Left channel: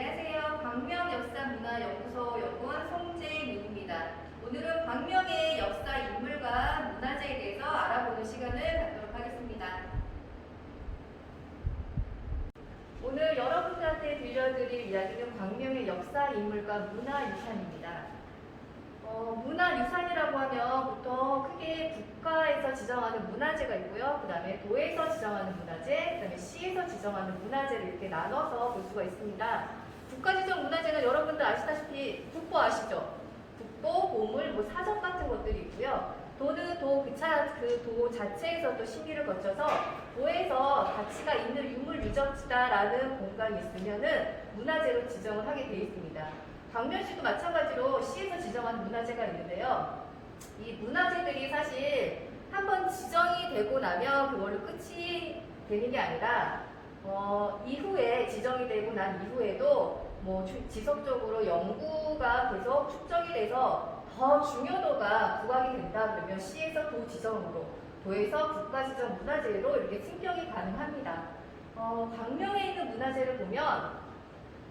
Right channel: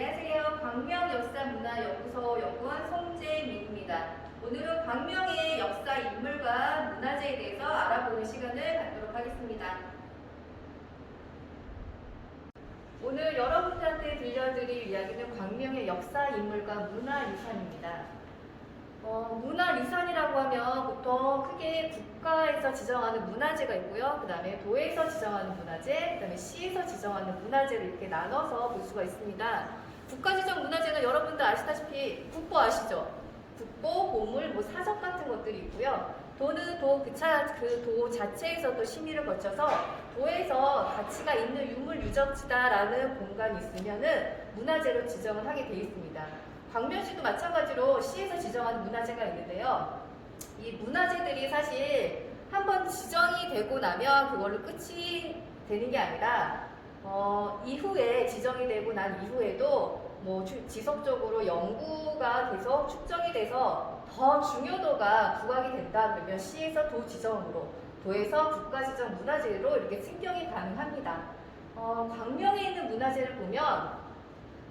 안녕하세요. 광명역사문화연구소 연구원 송재민입니다. 오늘은 광명의 역사 인물과 문화재에 대해서 알아보는 시간을 갖도록 하겠습니다. 오늘 여러분들한테 들려드릴 이야기는 광명의 역사 인물과 문화유산입니다. 문화유산이라고 하면 보통 크게 국가에서 지정하는 문화재가 있고요. 그 다음에 도에서 지정하는 문화재, 그 다음에 시에서 지정하는 문화재를 이렇게 나눠서 볼 수가 있습니다. 국가 지정 문화재는 여러분들 아시다시피 국보 아시죠? 국보, 보물, 사전 같은 것들이 있고요. 도는 그 도 자체에서도 심의를 거쳐서 도에서 가치가 있는 유물 유적지다라는 공간이 있으면은 문화재로 지정을 하게 되어 있습니다. 광명시도 마찬가지로 시에서 지정하는 문화재가 있는데요. 이 문화재들이 사실 한번 지정이 되고 나면 그걸로 끝이 되는 게 아니라 이후에 지정이 되고 난 이후에도 지속적으로 연구가 계속 축적이 돼서 더 중요도가 부각이 된다 그러면 시에서 도 지정으로, 도에서 국가 지정 문화재로 이렇게 승격이 가능합니다. 광명에 있는 문화재를 보면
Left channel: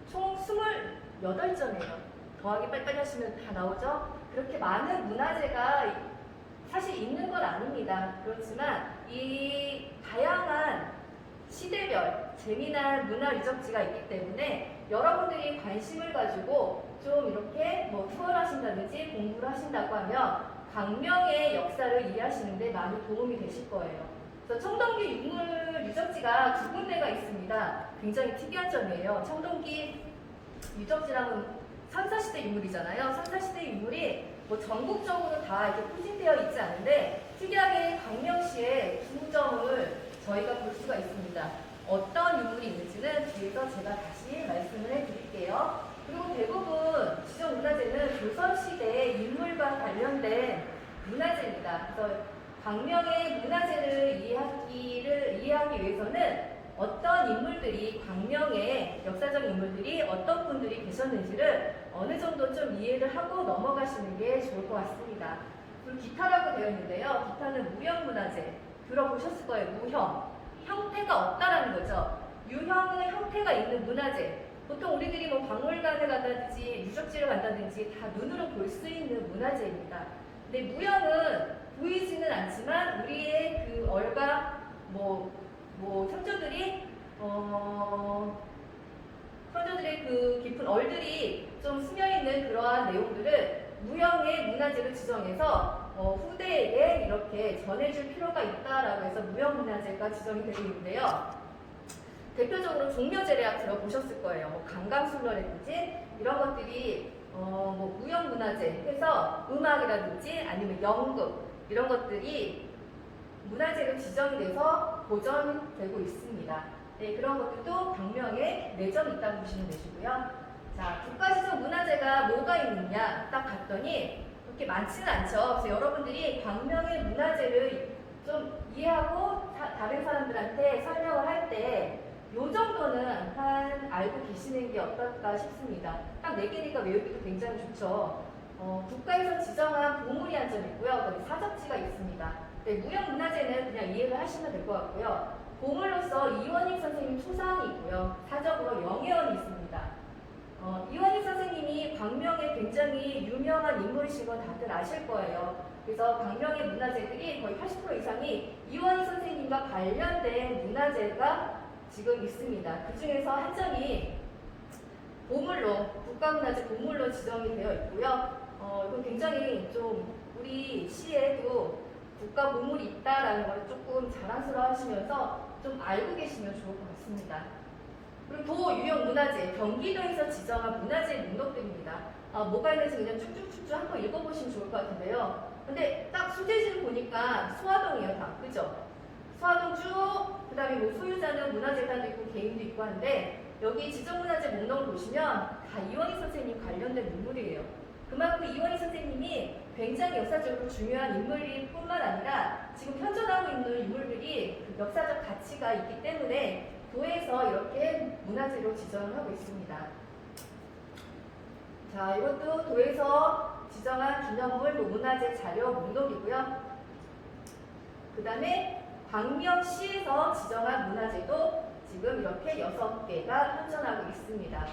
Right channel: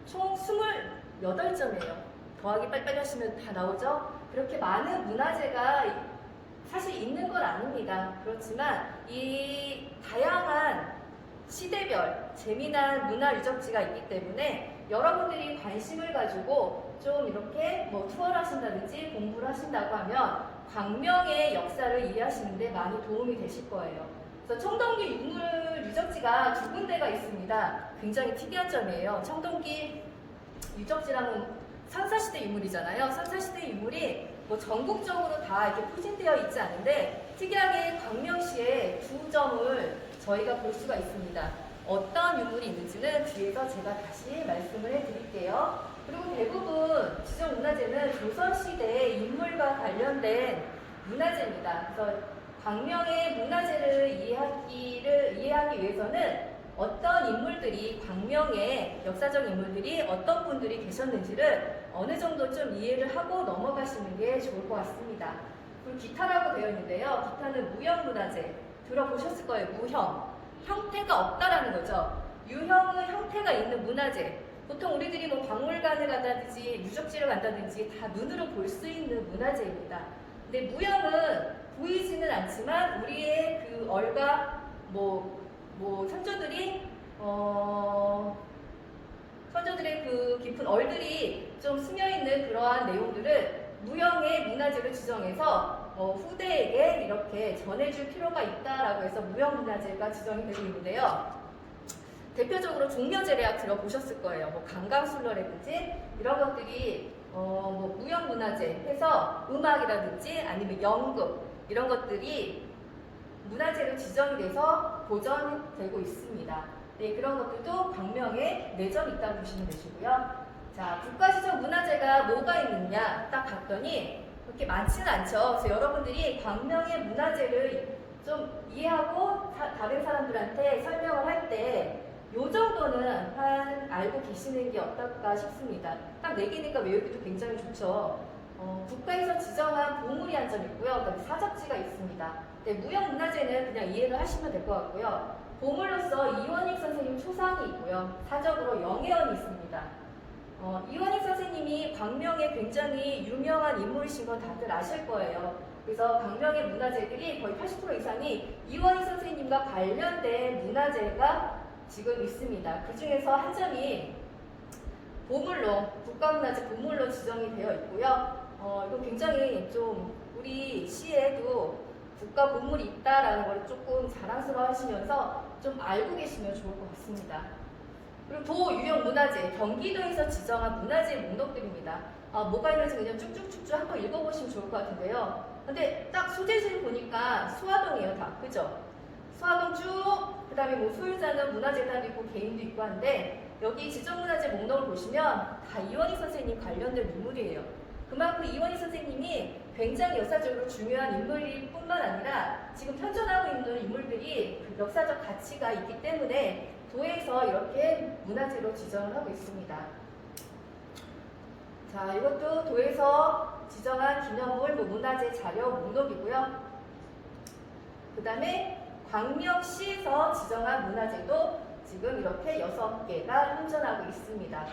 총 28점이에요. 더하기 빨리빨리 하시면 다 나오죠? 그렇게 많은 문화재가 사실 있는 건 아닙니다. 그렇지만 이 다양한 시대별 재미난 문화 유적지가 있기 때문에 여러분들이 관심을 가지고 좀 이렇게 투어를 하신다든지 공부를 하신다고 하면 광명의 역사를 이해하시는데 많이 도움이 되실 거예요. 그래서 청동기 유물 유적지가 2군데가 있습니다. 굉장히 특이한 점이에요. 청동기 유적지라는 선사시대 유물이잖아요. 선사시대 유물이 전국적으로 다 이렇게 포진되어 있지 않은데 특이하게 광명시에 2점을 저희가 볼 수가 있습니다. 어떤 유물이 있는지는 뒤에서 제가 다시 말씀을 해드릴게요. 그리고 대부분 지정문화재는 조선시대의 인물과 관련된 문화재입니다. 그래서 광명의 문화재를 이해하기 위해서는 어떤 인물들이, 광명의 역사적 인물들이 어떤 분들이 계셨는지를 어느 정도 좀 이해를 하고 넘어가시는 게 좋을 것 같습니다. 그리고 기타라고 되어 있는데요. 기타는 무형문화재. 들어보셨을 거예요. 무형. 형태가 없다라는 거죠. 유형은 형태가 있는 문화재. 보통 우리들이 박물관을 간다든지 유적지를 간다든지 다 눈으로 볼 수 있는 문화재입니다. 근데 무형은 보이지는 않지만 우리의 그 얼과 선조들의 그 깊은 얼들이 좀 스며있는 그러한 내용들을 무형의 문화재로 지정해서 후대에게 이렇게 전해줄 필요가 있다라고 해서 무형문화재가 지정이 되고 있는데요. 대표적으로 종묘제례학 들어보셨을 거예요. 강강술래라든지 이런 것들이 무형문화재 해서 음악이라든지 아니면 연극 이런 것들이 문화재로 지정이 돼서 보존되고 있습니다. 네, 그런 것들도 광명에 4점 있다고 보시면 되시고요. 자, 국가지정 문화재가 뭐가 있느냐 딱 봤더니 그렇게 많지는 않죠. 그래서 여러분들이 광명의 문화재를 좀 이해하고 다른 사람들한테 설명을 할 때 요 정도는 알고 계시는 게 어떨까 싶습니다. 딱 4개니까 외우기도 굉장히 좋죠. 국가에서 지정한 보물이 한 점 있고요. 그다음에 사적지가 있습니다. 네, 무형문화재는 그냥 이해를 하시면 될 것 같고요. 보물로서 이원익 선생님 초상이 있고요. 사적으로 영예원이 있습니다. 이원익 선생님이 광명에 굉장히 유명한 인물이신 건 다들 아실 거예요. 그래서 광명의 문화재들이 거의 80% 이상이 이원익 선생님과 관련된 문화재가 지금 있습니다. 그 중에서 한 점이 보물로, 국가문화재 보물로 지정이 되어 있고요. 이거 굉장히 좀 우리 시에도 국가 보물이 있다라는 걸 조금 자랑스러워 하시면서 좀 알고 계시면 좋을 것 같습니다. 그리고 도유형 문화재, 경기도에서 지정한 문화재 목록들입니다. 뭐가 있는지 그냥 쭉쭉쭉쭉 한번 읽어보시면 좋을 것 같은데요. 근데 딱 소재지를 보니까 수화동이에요, 다. 그죠? 수화동 쭉, 그 다음에 소유자는 문화재단도 있고 개인도 있고 한데 여기 지정문화재 목록을 보시면 다 이원익 선생님 관련된 인물이에요. 그만큼 이원익 선생님이 굉장히 역사적으로 중요한 인물일 뿐만 아니라 지금 현존하고 있는 인물들이 그 역사적 가치가 있기 때문에 도에서 이렇게 문화재로 지정을 하고 있습니다. 자, 이것도 도에서 지정한 기념물 문화재 자료 목록이고요. 그 다음에 광명시에서 지정한 문화재도 지금 이렇게 6개가 현존하고 있습니다.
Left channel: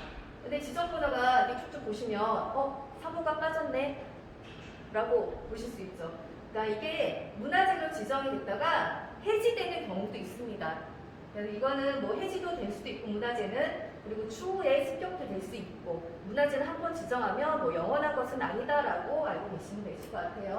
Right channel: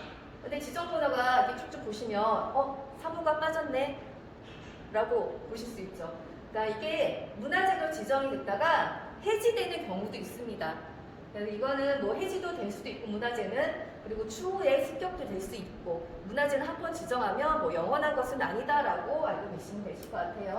근데 지정문화가 이렇게 쭉쭉 보시면 사무가 빠졌네 라고 보실 수 있죠. 그러니까 이게 문화재로 지정이 됐다가 해지되는 경우도 있습니다. 그래서 이거는 뭐 해지도 될 수도 있고 문화재는 그리고 추후에 습격도 될 수 있고 문화재를 한 번 지정하면 뭐 영원한 것은 아니다라고 알고 계시면 되실 것 같아요.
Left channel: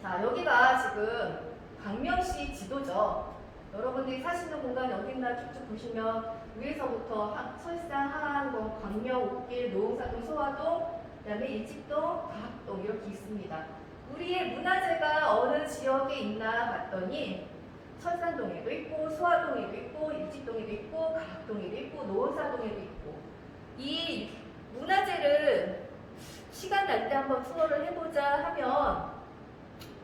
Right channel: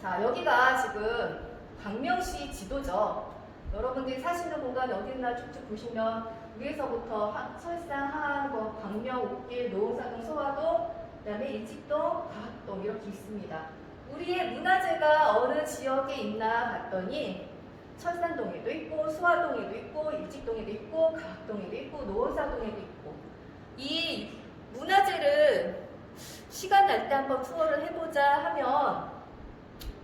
자, 여기가 지금 광명시 지도죠. 여러분들이 사시는 공간 어디 있나 쭉쭉 보시면 위에서부터 설산, 하안동, 광명, 옥길, 노홍사동, 소화동, 그다음에 일직동, 과학동 이렇게 있습니다. 우리의 문화재가 어느 지역에 있나 봤더니 철산동에도 있고 소화동에도 있고 일직동에도 있고 과학동에도 있고 노홍사동에도 있고 이 문화재를 시간 날 때 한번 투어를 해보자 하면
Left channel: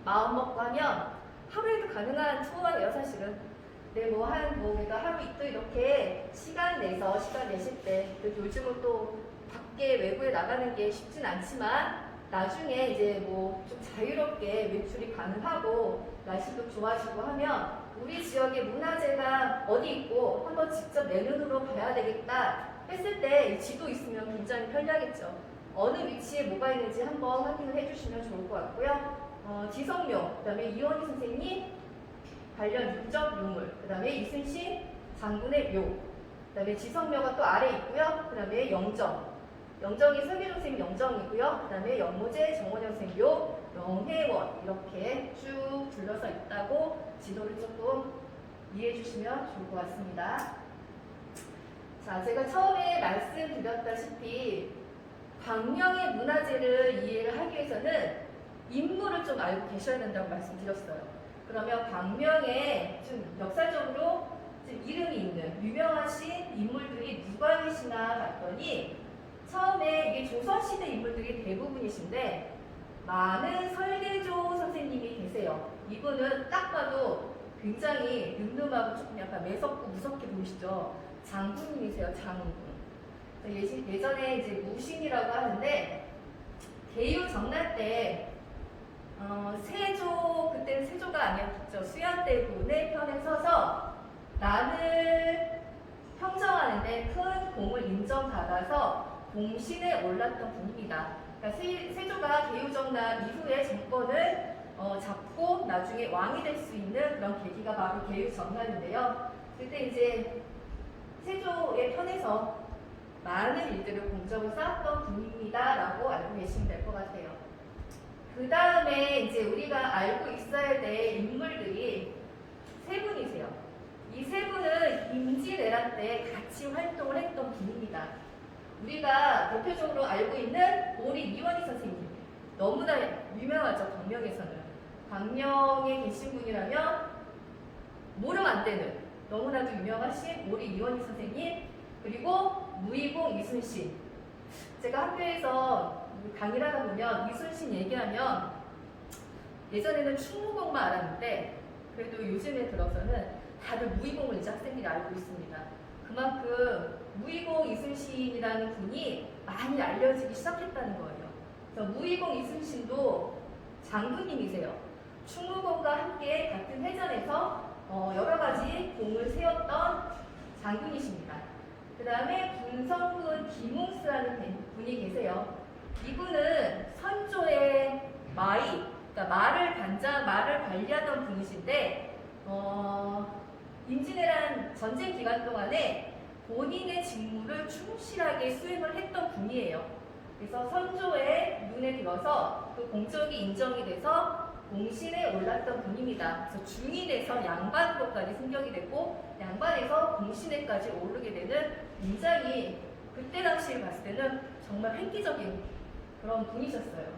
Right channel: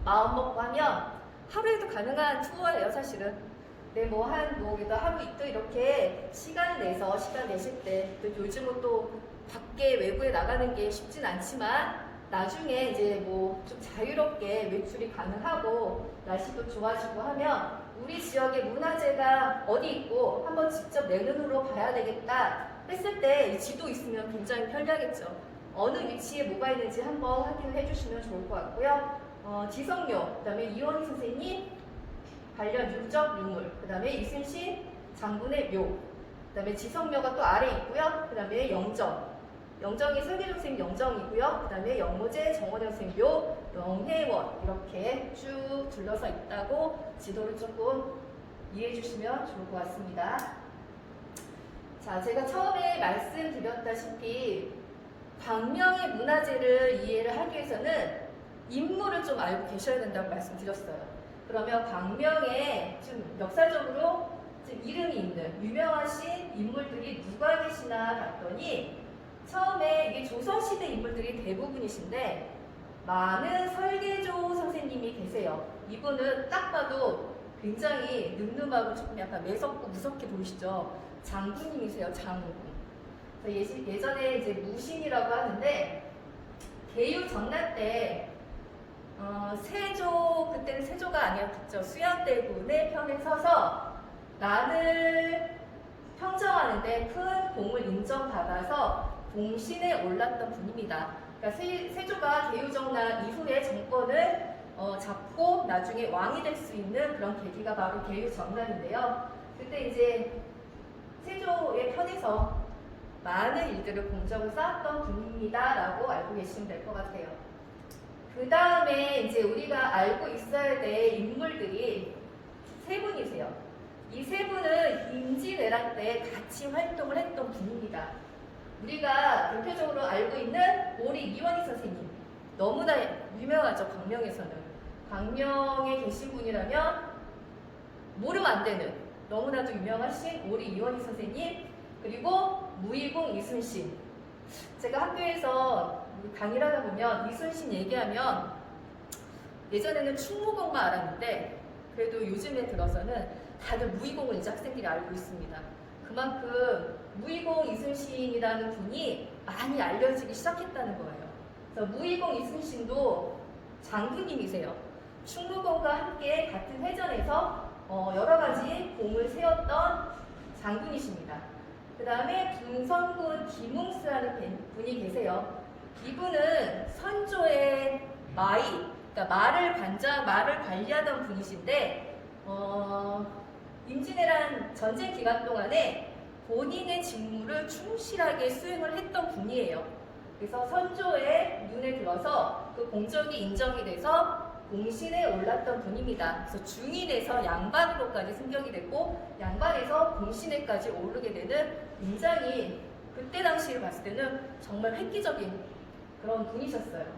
마음 먹고 하면 하루에도 가능한 투어예요 사실은. 네, 뭐 그래도 하루 이틀 이렇게 시간 내실 때 또 요즘은 또 밖에 외부에 나가는 게 쉽진 않지만 나중에 이제 뭐 좀 자유롭게 외출이 가능하고 날씨도 좋아지고 하면 우리 지역의 문화재가 어디 있고 한번 직접 내 눈으로 봐야 되겠다 했을 때 이 지도 있으면 굉장히 편리하겠죠. 어느 위치에 뭐가 있는지 한번 확인을 해주시면 좋을 것 같고요. 지성료, 그 다음에 이원희 선생님 관련 유적 유물, 그 다음에 이순신 장군의 묘, 그 다음에 지성묘가 또 아래 있고요. 그 다음에 영정이 설계조 선생님 영정이고요. 그 다음에 영모제 정원영 선생님 묘, 영혜원 이렇게 쭉 둘러서 있다고 지도를 조금 이해해 주시면 좋을 것 같습니다. 자, 제가 처음에 말씀드렸다시피 광명의 문화재를 이해를 하기 위해서는 인물을 좀 알고 계셔야 된다고 말씀드렸어요. 그러면 광명에 좀 역사적으로 좀 이름이 있는 유명하신 인물들이 누가 계시나 봤더니 처음에 이게 조선시대 인물들이 대부분이신데 많은 설계조 선생님이 계세요. 이분은 딱 봐도 굉장히 늠름하고 조금 약간 매섭고 무섭게 보이시죠? 장군님이세요, 장군. 예전에 이제 무신이라고 하는데 개유 정난 때 그때는 세조가 아니었죠. 수양대군의 편에 서서 난을 평정하는데 큰 공을 인정받아서 공신에 올랐던 분입니다. 그러니까 세조가 개유정난 이후에 정권을 잡고 나중에 왕이 될 수 있는 그런 계기가 바로 개유정난인데요. 그때 이제 세조의 편에서 많은 일들을 공적을 쌓았던 분입니다라고 알고 계시면 될 것 같아요. 그 다음에 이제 우리가 알고 있어야 될 인물들이 세 분이세요. 이 세 분은 임진왜란 때 같이 활동을 했던 분입니다. 우리가 대표적으로 알고 있는 오리 이원희 선생님. 너무나 유명하죠, 광명에서는. 광명에 계신 분이라면 모르면 안 되는 너무나도 유명하신 오리 이원희 선생님, 그리고 무의공 이순신. 제가 학교에서 강의를 하다 보면 이순신 얘기하면 예전에는 충무공만 알았는데 그래도 요즘에 들어서는 다들 무의공을 이제 학생들이 알고 있습니다. 그만큼 무의공 이순신이라는 분이 많이 알려지기 시작했다는 거예요. 그래서 무의공 이순신도 장군님이세요. 충무공과 함께 같은 회전에서 여러 가지 공을 세웠던 장군이십니다. 그 다음에 분성군 김웅수라는 분이 계세요. 이분은 선조의 그러니까 말을 관리하던 분이신데, 임진왜란 전쟁 기간 동안에 본인의 직무를 충실하게 수행을 했던 분이에요. 그래서 선조의 눈에 들어서 그 공적이 인정이 돼서 공신에 올랐던 분입니다. 그래서 중인에서 양반으로까지 승격이 되고 양반에서 공신에까지 오르게 되는 굉장히 그때 당시에 봤을 때는 정말 획기적인 그런 분이셨어요.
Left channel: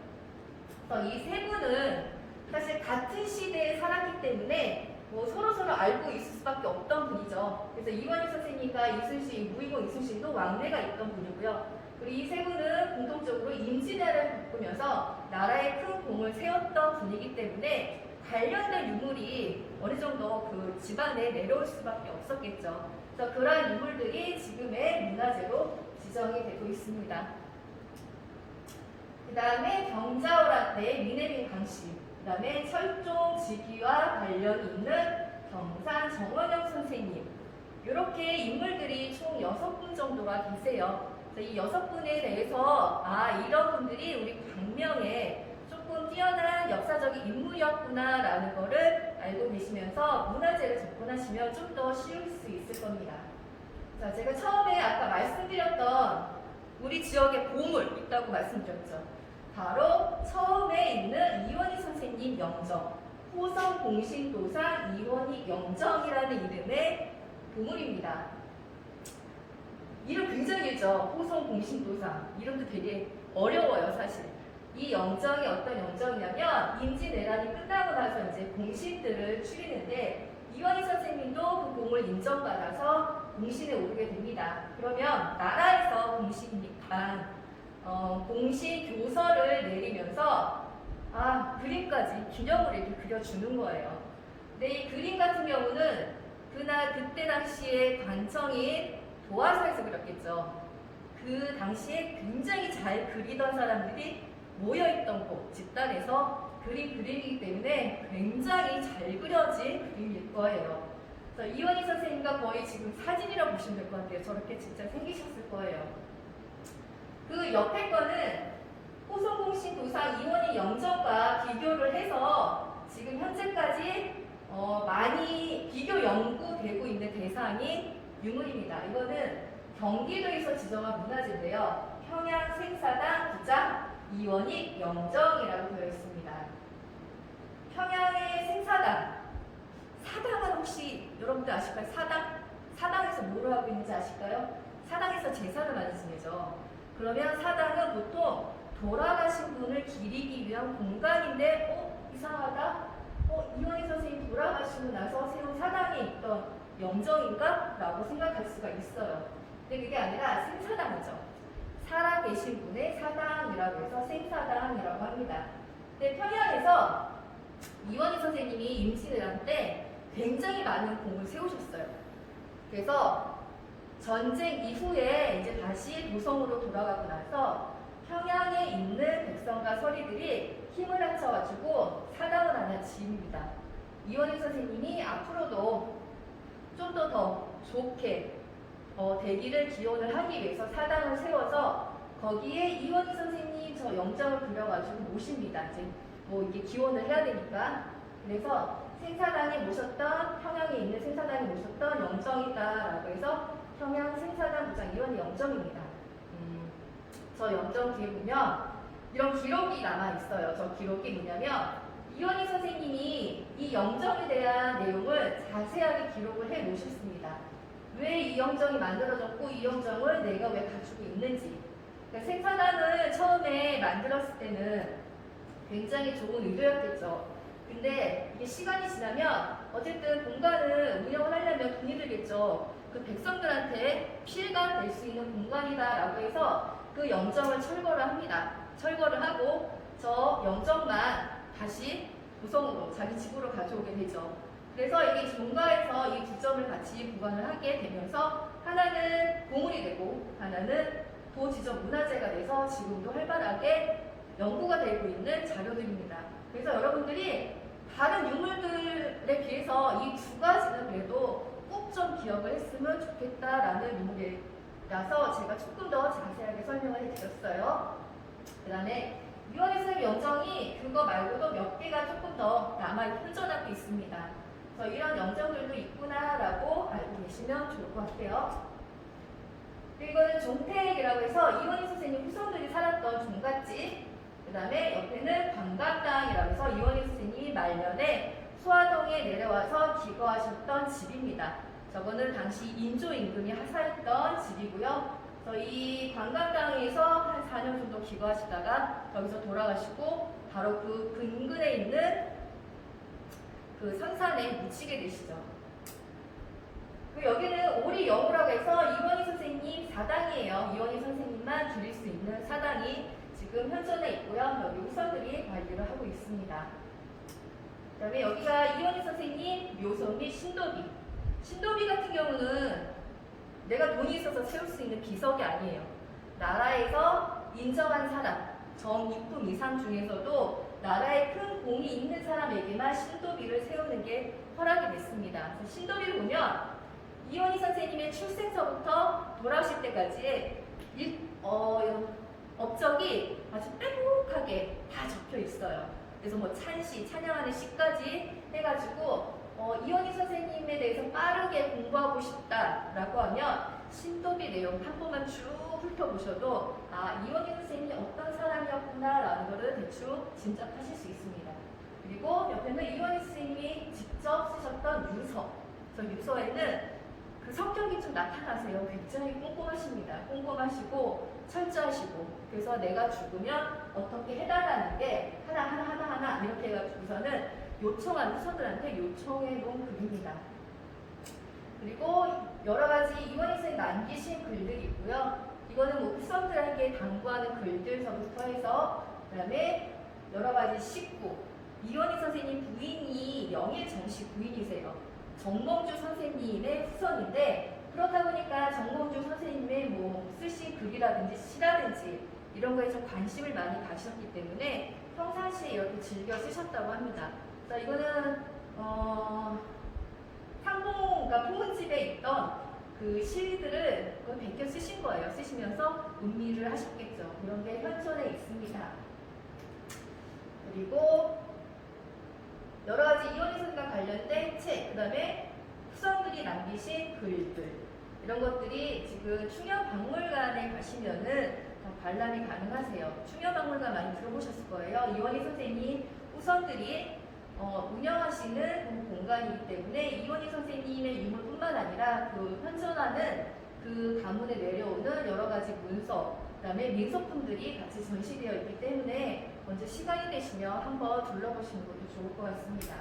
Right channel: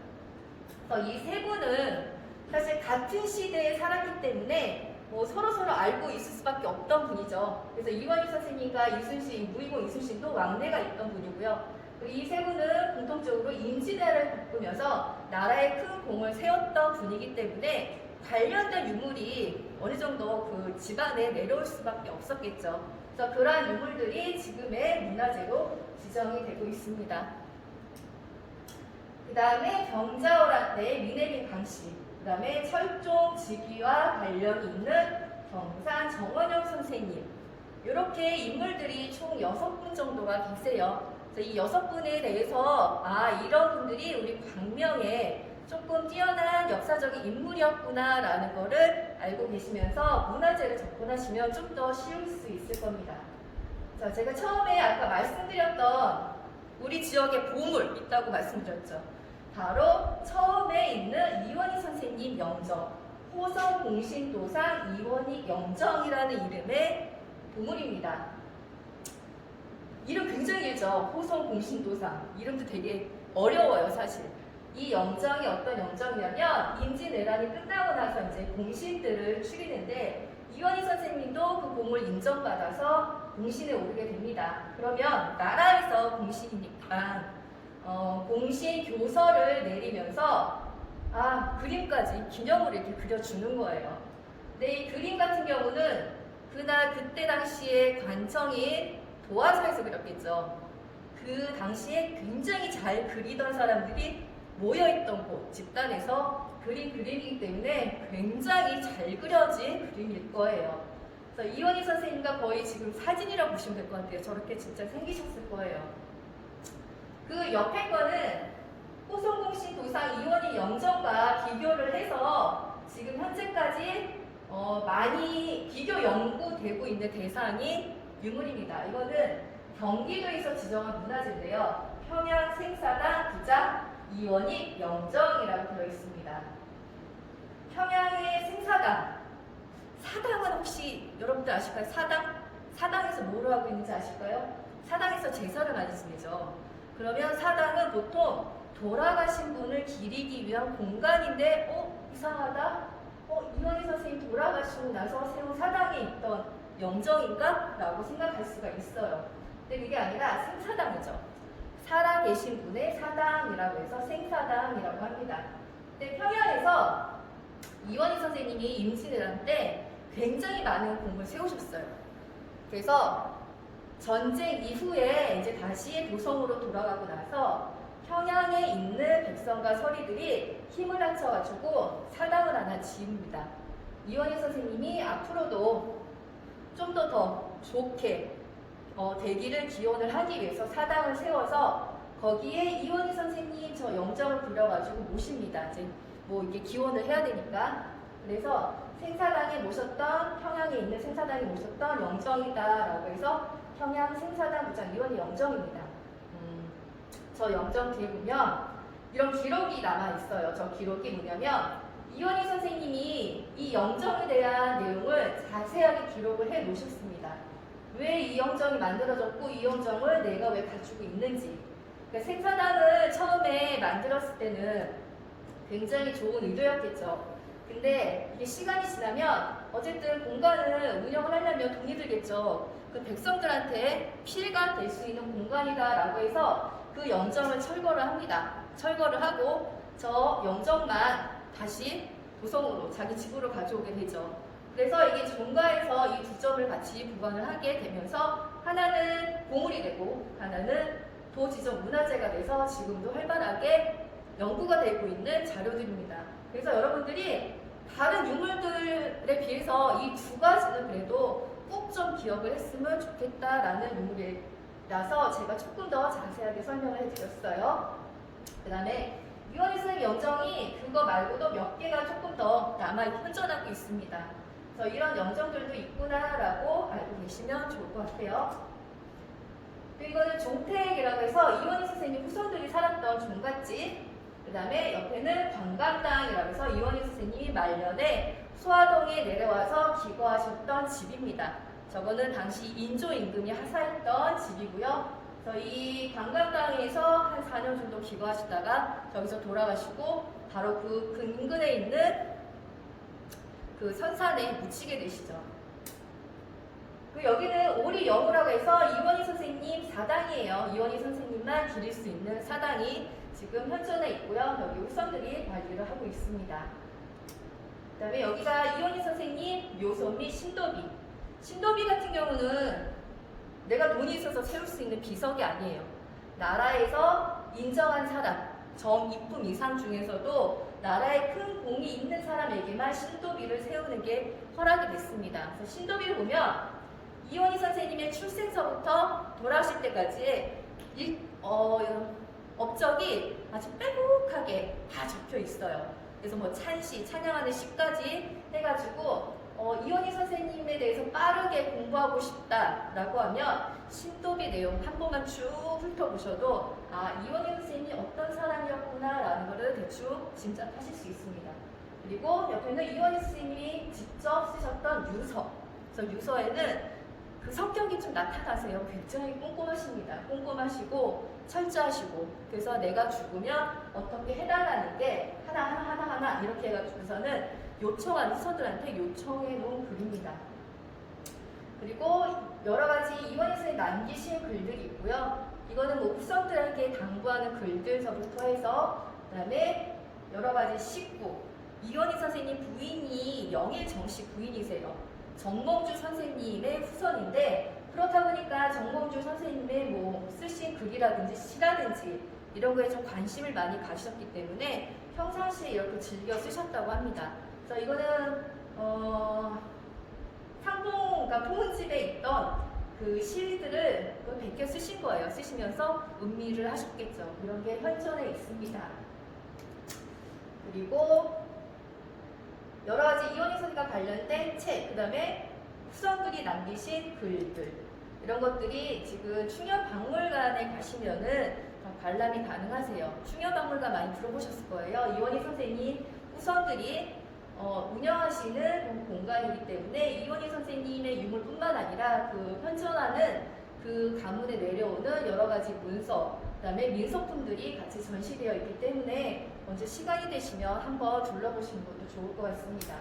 그래서 이 세 분은 사실 같은 시대에 살았기 때문에 뭐 서로 알고 있을 수밖에 없던 분이죠. 그래서 이원희 선생님과 이순신, 무의공 이순신도 왕래가 있던 분이고요. 이 세 분은 공통적으로 임진왜란을 겪으면서 나라에 큰 공을 세웠던 분이기 때문에 관련된 유물이 어느 정도 그 집안에 내려올 수밖에 없었겠죠. 그래서 그러한 유물들이 지금의 문화재로 지정이 되고 있습니다. 그 다음에 병자호란 때 위내민 강씨, 그 다음에 철종 즉위와 관련이 있는 경산 정원영 선생님, 이렇게 인물들이 총 6분 정도가 계세요. 이 6분에 대해서 이런 분들이 우리 광명에 조금 뛰어난 역사적인 인물이었구나라는 거를 알고 계시면서 문화재를 접근하시면 좀 더 쉬울 수 있을 겁니다. 자, 제가 처음에 아까 말씀드렸던 우리 지역에 보물 있다고 말씀드렸죠. 바로 처음에 있는 이원희 선생님 영정, 호성 공신도상 이원희 영정이라는 이름의 보물입니다. 이름 굉장히 길죠. 호성 공신도상. 이름도 되게 어려워요, 사실. 이 영정이 어떤 영정이냐면 임진왜란이 끝나고 나서 이제 공신들을 추리는데 이원희 선생님도 그 공을 인정받아서 공신에 오르게 됩니다. 그러면 나라에서 공신이니까 공신 교서를 내리면서 그림까지 기념으로 이렇게 그려주는 거예요. 근데 이 그림 같은 경우는 그때 당시에 관청인 도화서에서 그렸겠죠. 그 당시에 굉장히 잘 그리던 사람들이 모여있던 곳, 집단에서 그린 그림이기 때문에 굉장히 잘 그려진 그림일 거예요. 그래서 이원희 선생님과 거의 지금 사진이라고 보시면 될 것 같아요. 저렇게 진짜 생기셨을 거예요. 그 옆에 거는 호성공신 도상 이원희 영정과 비교를 해서 지금 현재까지 많이 비교 연구되고 있는 대상이 유물입니다. 이거는 경기도에서 지정한 문화재인데요. 평양 생사당 기작 이원희 영정이라고 되어 있습니다. 평양의 생사당, 사당은 혹시 여러분들 아실까요? 사당에서 뭘 하고 있는지 아실까요? 사당에서 제사를 많이 지내죠. 그러면 사당은 보통 돌아가신 분을 기리기 위한 공간인데 이상하다? 이원희 선생님 돌아가시고 나서 세운 사당에 있던 영정인가? 라고 생각할 수가 있어요. 근데 그게 아니라 생사당이죠. 살아계신 분의 사당이라고 해서 생사당이라고 합니다. 근데 평양에서 이원희 선생님이 임진왜란 때 굉장히 많은 공을 세우셨어요. 그래서 전쟁 이후에 이제 다시 도성으로 돌아가고 나서 평양에 있는 백성과 서리들이 힘을 합쳐가지고 사당을 하나 지읍니다. 이원희 선생님이 앞으로도 좀 더 좋게 대기를 기원을 하기 위해서 사당을 세워서 거기에 이원희 선생님 저 영정을 그려가지고 모십니다. 이제 이게 기원을 해야 되니까. 그래서 생사당에 모셨던, 평양에 있는 생사당에 모셨던 영정이다라고 해서 평양 생사당 부장 이원희 영정입니다. 저 영정 뒤에 보면 이런 기록이 남아 있어요. 저 기록이 뭐냐면 이원희 선생님이 이 영정에 대한 내용을 자세하게 기록을 해 놓으셨습니다. 왜 이 영정이 만들어졌고 이 영정을 내가 왜 갖추고 있는지. 그러니까 생사당을 처음에 만들었을 때는 굉장히 좋은 의도였겠죠. 근데 이게 시간이 지나면 어쨌든 공간을 운영을 하려면 돈이 들겠죠. 그 백성들한테 피해가 될 수 있는 공간이다라고 해서 그 영정을 철거를 합니다. 철거를 하고 저 영정만 다시 도성으로 자기 집으로 가져오게 되죠. 그래서 이게 종가에서 이 두 점을 같이 보관을 하게 되면서 하나는 보물이 되고 하나는 도지적 문화재가 돼서 지금도 활발하게 연구가 되고 있는 자료들입니다. 그래서 여러분들이 다른 유물들에 비해서 이 두 가지는 그래도 꼭 좀 기억을 했으면 좋겠다라는 유물이라서 제가 조금 더 자세하게 설명을 해드렸어요. 그 다음에 이원희 선생님 영정이 그거 말고도 몇 개가 조금 더 현존하고 있습니다. 그래서 이런 영정들도 있구나라고 알고 계시면 좋을 것 같아요. 그리고 이거는 종택이라고 해서 이원희 선생님 후손들이 살았던 종갓집. 그 다음에 옆에는 관광당이라고 해서 이원희 선생님이 말년에 소화동에 내려와서 기거하셨던 집입니다. 저거는 당시 인조 임금이 하사했던 집이고요. 그래서 이 관광당에서 한 4년 정도 기거하시다가 저기서 돌아가시고 바로 그 근근에 있는 그 선산에 묻히게 되시죠. 여기는 오리영우라고 해서 이원희 선생님 사당이에요. 이원희 선생님만 기릴 수 있는 사당이 지금 현존해 있고요. 여기 후손들이 관리를 하고 있습니다. 그 다음에 여기가 이원희 선생님 묘소 및 신도비. 신도비 같은 경우는 내가 돈이 있어서 세울 수 있는 비석이 아니에요. 나라에서 인정한 사람, 정입품 이상 중에서도 나라에 큰 공이 있는 사람에게만 신도비를 세우는 게 허락이 됐습니다. 그래서 신도비를 보면 이원희 선생님의 출생서부터 돌아오실 때까지의 업적이 아주 빼곡하게 다 적혀 있어요. 그래서 뭐 찬시, 찬양하는 시까지 해가지고 이원희 선생님에 대해서 빠르게 공부하고 싶다라고 하면 신도비 내용 한 번만 쭉 훑어보셔도 아, 이원희 선생님이 어떤 사람이었구나라는 것을 대충 짐작하실 수 있습니다. 그리고 옆에는 이원희 선생님이 직접 쓰셨던 유서. 그래서 유서에는 그 성격이 좀 나타나세요. 굉장히 꼼꼼하십니다. 꼼꼼하시고 철저하시고 그래서 내가 죽으면 어떻게 해달라는 게 하나 이렇게 해가지고서는 요청한 후손들한테 요청해 놓은 글입니다. 그리고 여러 가지 이원희 선생님이 남기신 글들이 있고요. 이거는 뭐 후손들에게 당부하는 글들서부터 해서 그다음에 여러 가지 식구. 이원희 선생님 부인이 영일정씨 부인이세요. 정몽주 선생님의 후손인데 그렇다 보니까 정몽주 선생님의 뭐 쓰신 글이라든지 시라든지 이런 거에 좀 관심을 많이 가지셨기 때문에 평상시에 이렇게 즐겨 쓰셨다고 합니다. 그래서 이거는 그러니까 포문집에 있던 그 시들을 베껴 쓰신 거예요. 쓰시면서 음미를 하셨겠죠. 이런 게 현존에 있습니다. 그리고 여러 가지 이원희 선생과 관련된 책, 그 다음에 후손들이 남기신 글들 이런 것들이 지금 충현박물관에 가시면은 관람이 가능하세요. 충현박물관 많이 들어보셨을 거예요. 이원희 선생님 후손들이 운영하시는 공간이기 때문에 이원희 선생님의 유물뿐만 아니라 그 현존하는 그 가문에 내려오는 여러 가지 문서, 그 다음에 민속품들이 같이 전시되어 있기 때문에 먼저 시간이 되시면 한번 둘러보시는 것도 좋을 것 같습니다.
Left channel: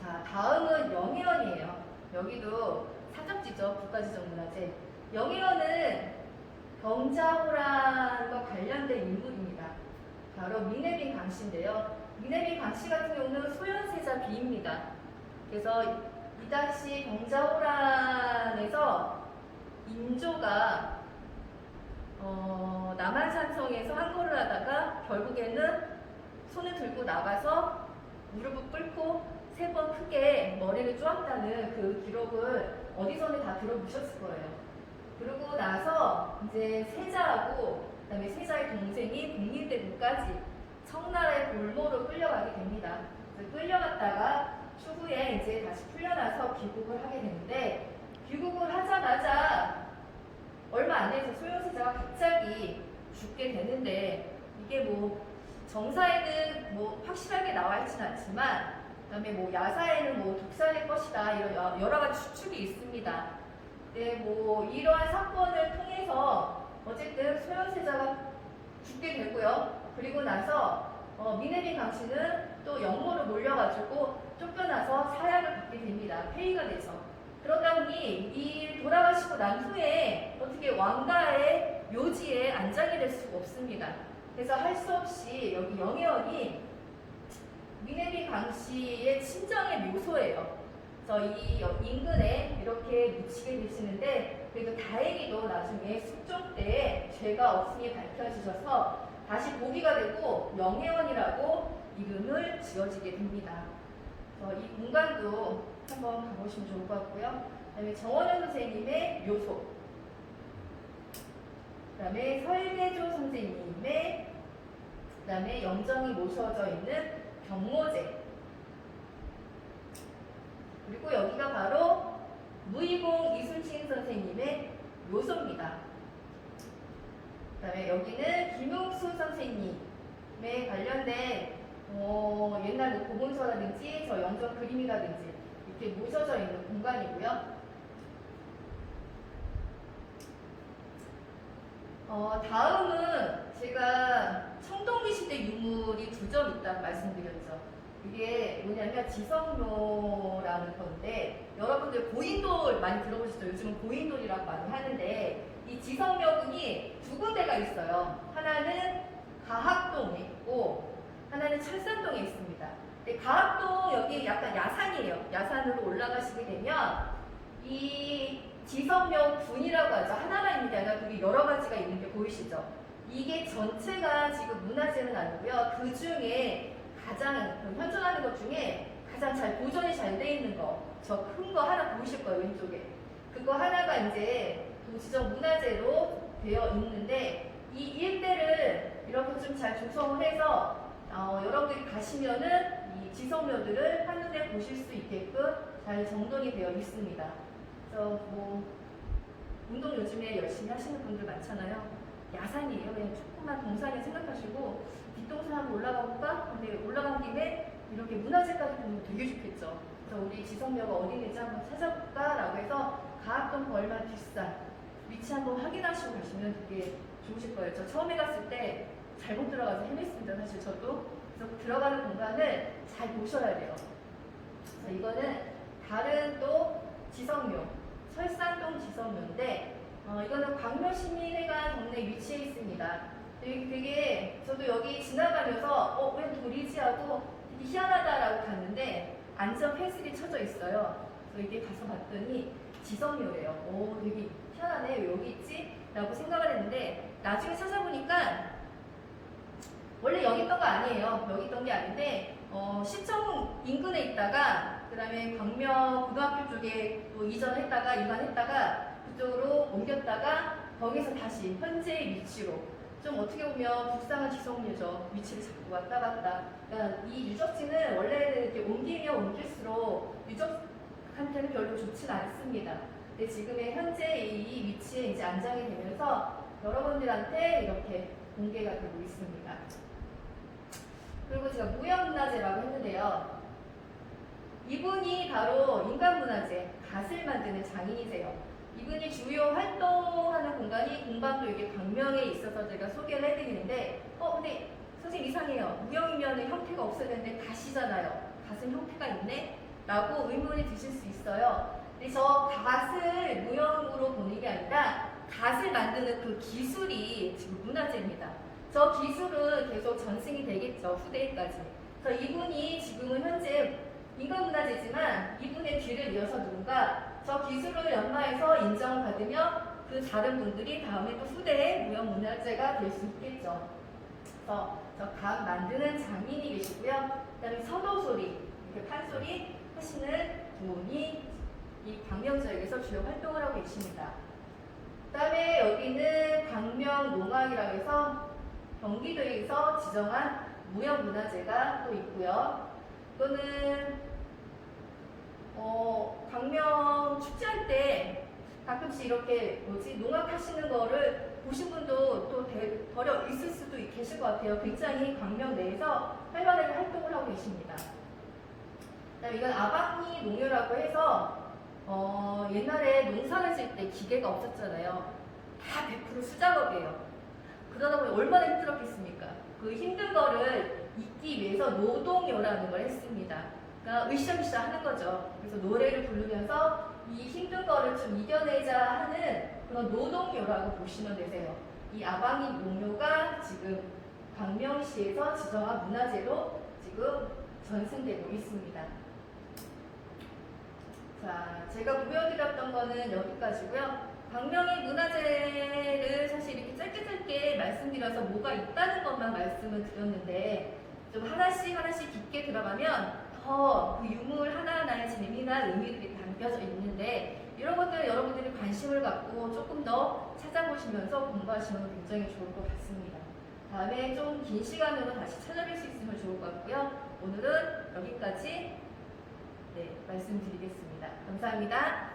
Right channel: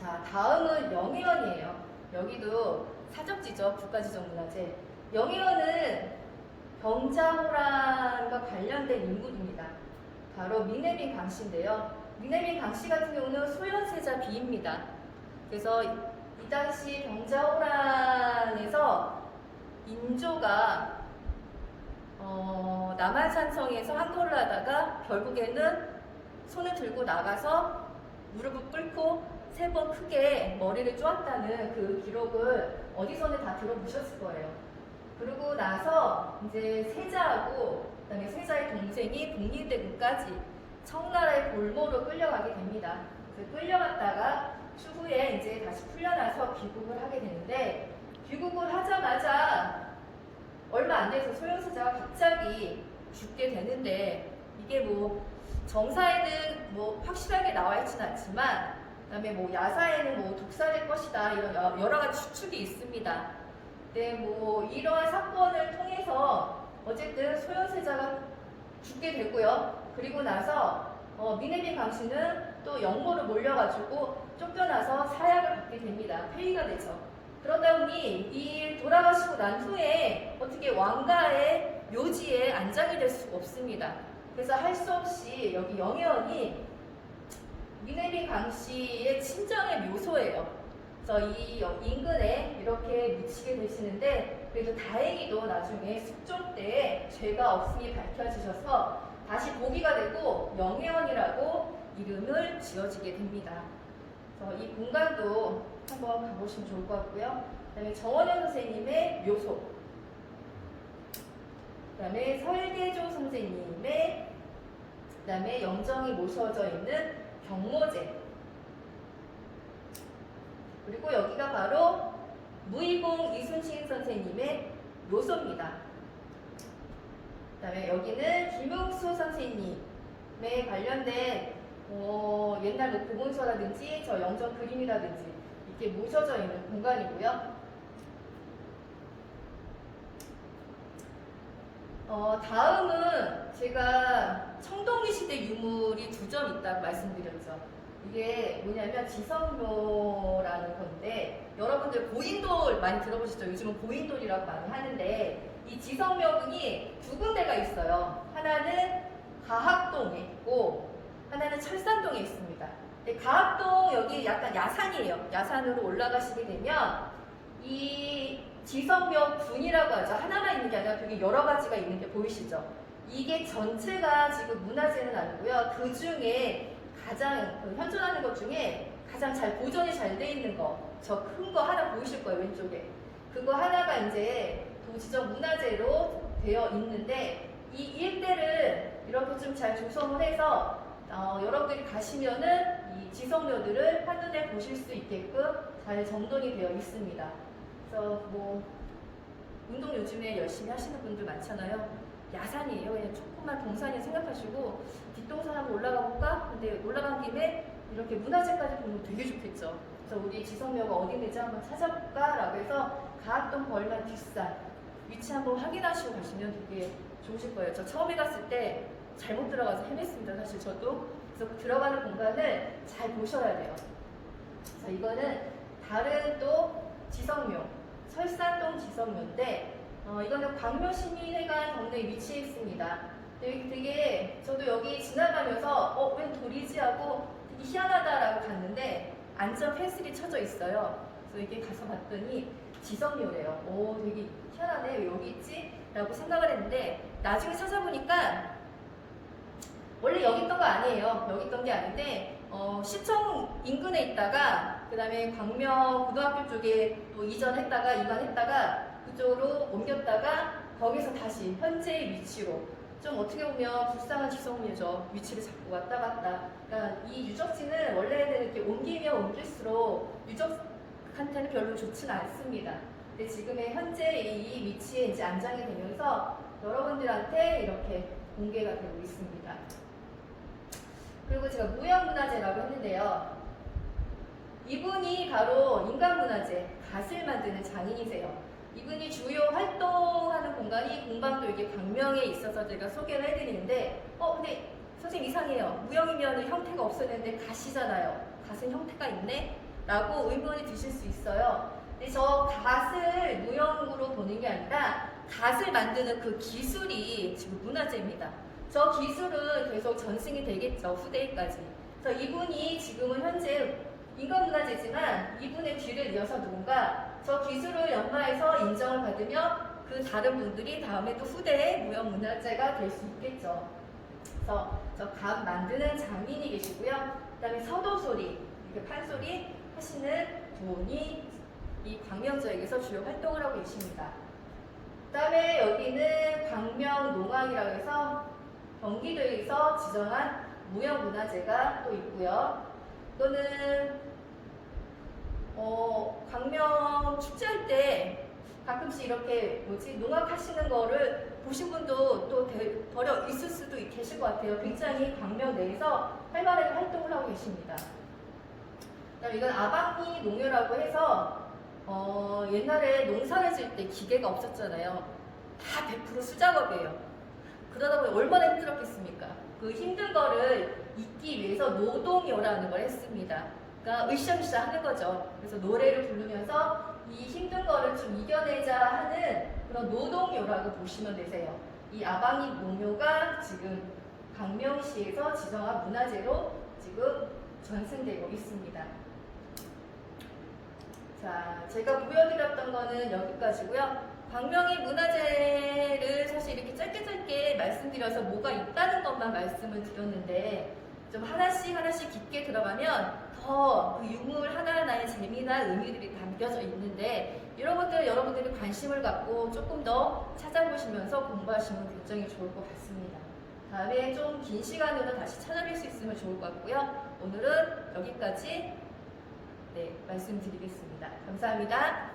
자, 다음은 영예원이에요. 여기도 사적지죠. 국가지정문화재. 영예원은 병자호란과 관련된 인물입니다. 바로 민해빈 강씨인데요. 민해빈 강씨 같은 경우는 소현세자 비입니다. 그래서 이 당시 병자호란에서 인조가 남한산성에서 항거를 하다가 결국에는 손을 들고 나가서 무릎을 꿇고 3번 크게 머리를 쪼았다는 그 기록을 어디서는 다 들어보셨을 거예요. 그러고 나서 이제 세자하고 그다음에 세자의 동생이 국민대군까지 청나라의 볼모로 끌려가게 됩니다. 그래서 끌려갔다가 추후에 이제 다시 풀려나서 귀국을 하게 되는데 귀국을 하자마자 얼마 안 돼서 소현세자가 갑자기 죽게 되는데 이게 뭐 정사에는 뭐 확실하게 나와 있지는 않지만 그다음에 뭐 야사에는 뭐 독살될 것이다 이런 여러 가지 추측이 있습니다. 네, 뭐 이러한 사건을 통해서 어쨌든 소현세자가 죽게 되고요. 그리고 나서 민해빈 강씨는 또 영모로 몰려가지고 쫓겨나서 사약을 받게 됩니다. 폐위가 되죠. 그러다 보니 이 돌아가시고 난 후에 어떻게 왕가의 묘지에 안장이 될 수가 없습니다. 그래서 할 수 없이 여기 영예원이 민해빈 강씨의 친정의 묘소예요. 그래서 이 인근에 이렇게 묻히게 되시는데 그래도 다행히도 나중에 숙종 때에 죄가 없음이 밝혀지셔서 다시 보기가 되고 영예원이라고 이름을 지어지게 됩니다. 이 공간도 한번 가보시면 좋을 것 같고요. 그다음에 정원현 선생님의 묘소, 그다음에 설계조 선생님의, 그다음에 영정이 모셔져 있는 병모제, 그리고 여기가 바로 무이공 이순신 선생님의 묘소입니다. 그다음에 여기는 김욱수 선생님에 관련된 옛날 뭐 고문서라든지 저 영정 그림이라든지 이렇게 모셔져 있는 공간이고요. 다음은 제가 청동기 시대 유물이 2점 있다고 말씀드렸죠. 이게 뭐냐면 지성묘라는 건데 여러분들 고인돌 많이 들어보시죠? 요즘은 고인돌이라고 많이 하는데 이 지성묘궁이 2군데가 있어요. 하나는 가학동에 있고 하나는 철산동에 있습니다. 가학동 여기 약간 야산이에요. 야산으로 올라가시게 되면 이 지성묘군이라고 하죠. 하나만 있는 게 아니라 그게 여러 가지가 있는 게 보이시죠? 이게 전체가 지금 문화재는 아니고요. 그 중에 가장 현존하는 것 중에 가장 잘 보존이 잘 돼 있는 거, 저 큰 거 하나 보이실 거예요, 왼쪽에. 그거 하나가 이제 도지적 문화재로 되어 있는데, 이 일대를 이렇게 좀 잘 조성을 해서 여러분들이 가시면은 이 지성묘들을 한눈에 보실 수 있게끔 잘 정돈이 되어 있습니다. 그래서 뭐 운동 요즘에 열심히 하시는 분들 많잖아요. 야산이에요. 그냥 조그만 동산이 생각하시고 뒷동산 한번 올라가 볼까? 근데 올라간 김에 이렇게 문화재까지 보면 되게 좋겠죠. 그래서 우리 지성묘가 어디 있는지 한번 찾아볼까? 라고 해서 가학동 벌만 뒷산 위치 한번 확인하시고 가시면 되게 좋으실 거예요. 저 처음에 갔을 때 잘못 들어가서 헤맸습니다. 사실 저도. 그래서 들어가는 공간을 잘 보셔야 돼요. 자, 이거는 다른 또 지성묘, 설산동 지성묘인데 이거는 광묘시민회관 동네에 위치해 있습니다. 되게 저도 여기 지나가면서 웬 돌이지 하고 되게 희한하다라고 갔는데 안전 펜슬이 쳐져 있어요. 그래서 이게 가서 봤더니 지성묘래요. 오, 되게 희한하네. 왜 여기 있지? 라고 생각을 했는데 나중에 찾아보니까 원래 여기 있던 거 아니에요. 여기 있던 게 아닌데 시청 인근에 있다가 그 다음에 광명 고등학교 쪽에 또 이전했다가 이관했다가 그쪽으로 옮겼다가 거기서 다시 현재의 위치로 좀 어떻게 보면 불쌍한 지성묘죠. 위치를 잡고 왔다 갔다. 그러니까 이 유적지는 원래는 이렇게 옮기면 옮길수록 유적한테는 별로 좋지는 않습니다. 근데 지금의 현재 이 위치에 이제 안장이 되면서 여러분들한테 이렇게 공개가 되고 있습니다. 그리고 제가 무형문화재라고 했는데요. 이분이 바로 인간문화재, 갓을 만드는 장인이세요. 이분이 주요 활동하는 공간이 공방도 이게 광명에 있어서 제가 소개를 해드리는데 근데 선생님 이상해요. 무형이면 형태가 없었는데 갓이잖아요. 갓은 형태가 있네? 라고 의문이 드실 수 있어요. 근데 저 갓을 무형으로 보는 게 아니라 갓을 만드는 그 기술이 지금 문화재입니다. 저 기술은 계속 전승이 되겠죠. 후대까지. 그래서 이분이 지금은 현재 인간문화재지만 이분의 뒤를 이어서 누군가 저 기술을 연마해서 인정을 받으며 그 다른 분들이 다음에 또 후대의 무형문화재가 될 수 있겠죠. 그래서 저 각 만드는 장인이 계시고요. 그 다음에 서도소리, 이렇게 판소리 하시는 분이 이 광명지역에서 주요 활동을 하고 계십니다. 그 다음에 여기는 광명농악이라고 해서 경기도에서 지정한 무형문화재가 또 있고요. 이거는 광명 축제할 때 가끔씩 이렇게 농악 하시는 거를 보신 분도 또 덜어 있을 수도 계실 것 같아요. 굉장히 광명 내에서 활발하게 활동을 하고 계십니다. 그다음에 이건 아방이 농요라고 해서 옛날에 농사를 질 때 기계가 없었잖아요. 다 100% 수작업이에요. 그러다 보니 얼마나 힘들었겠습니까? 그 힘든 거를 잊기 위해서 노동요라는 걸 했습니다. 그러니까 으쌰으쌰 하는 거죠. 그래서 노래를 부르면서 이 힘든 거를 좀 이겨내자 하는 그런 노동요라고 보시면 되세요. 이 아방이 농요가 지금 광명시에서 지정한 문화재로 지금 전승되고 있습니다. 자, 제가 보여드렸던 거는 여기까지고요. 광명의 문화재를 사실 이렇게 짧게 말씀드려서 뭐가 있다는 것만 말씀을 드렸는데 좀 하나씩 깊게 들어가면 더 그 유물 하나하나의 재미나 의미들이 담겨져 있는데 이런 것들을 여러분들이 관심을 갖고 조금 더 찾아보시면서 공부하시면 굉장히 좋을 것 같습니다. 다음에 좀 긴 시간으로 다시 찾아뵐 수 있으면 좋을 것 같고요. 오늘은 여기까지 말씀드리겠습니다. 감사합니다.